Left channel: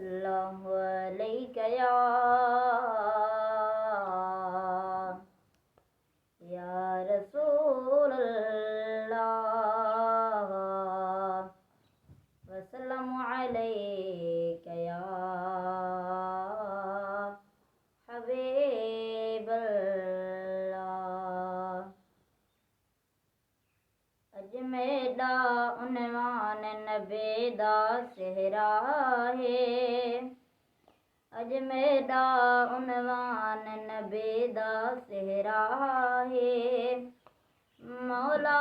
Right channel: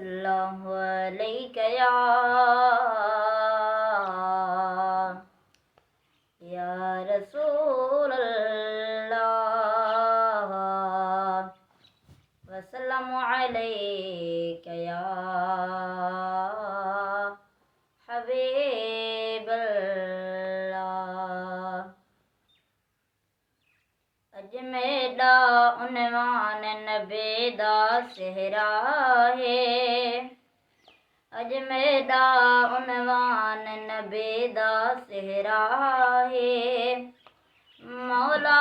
सल्लल्लाहु अलैका या रसूल अल्लाह वसल्लम अलैका या हबीब अल्लाह। अज मेरा उन्वान नबी दा सेहरा है, अज मेरा उन्वान नबी दा सेहरा है। मौला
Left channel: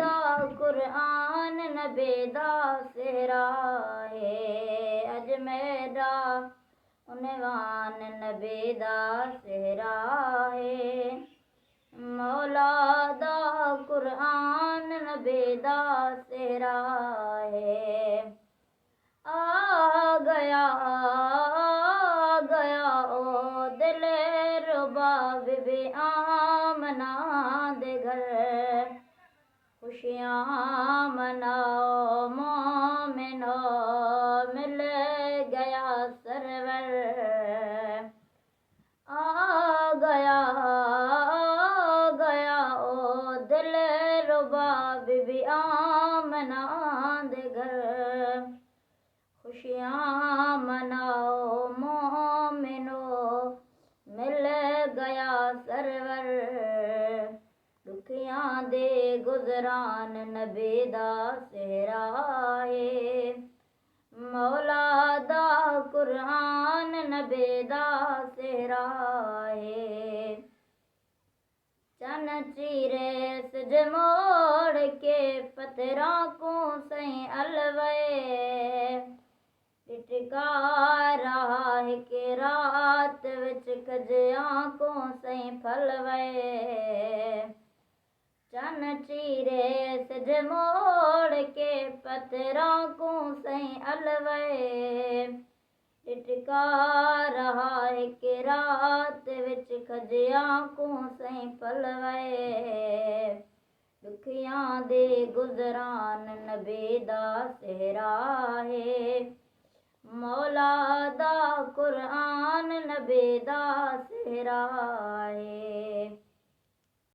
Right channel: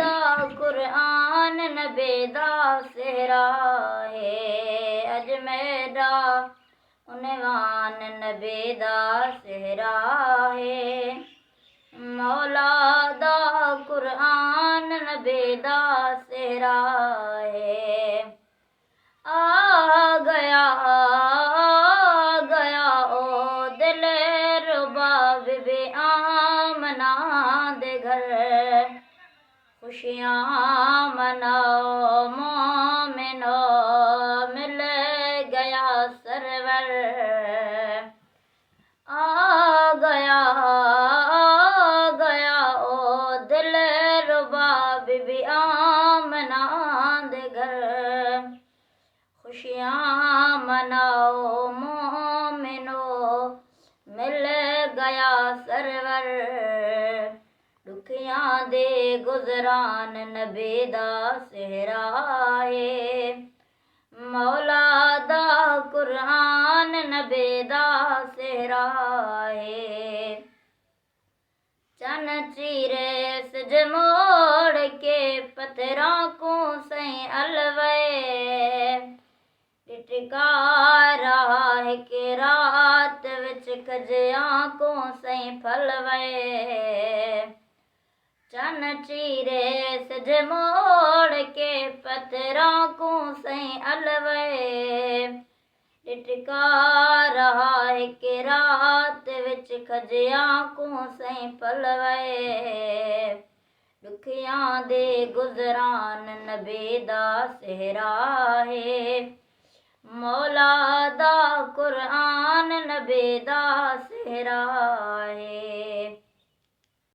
दा कुरान नबी दा सेहरा है, अज मेरा उन्वान नबी दा सेहरा है। मौला दा कुरान नबी दा सेहरा है। आ गया ओ दिल रुबा बीबी आमना दे घर, खुशियाँ मनाओ मोमिनो मिल गया सरवर। आ गया ओ दिल रुबा बीबी आमना दे घर, खुशियाँ मनाओ मोमिनो मिल गया सरवर। दुखियां दे गुजरान नबी दा सेहरा है, मौला दा कुरान नबी दा सेहरा है। चन चीरे सज मोड़ के पत्थरों को सही अलवे, टिटका रहा है कि रात विच कजियां को सही फलवे। चन चीरे सज मोड़ के पत्थरों को सही अलवे, टिटका रहा है कि रात विच खजियां को सही पलवे। दुखियां दे गुजरान नबी दा सेहरा है, मौला दा कुरान नबी दा सेहरा है।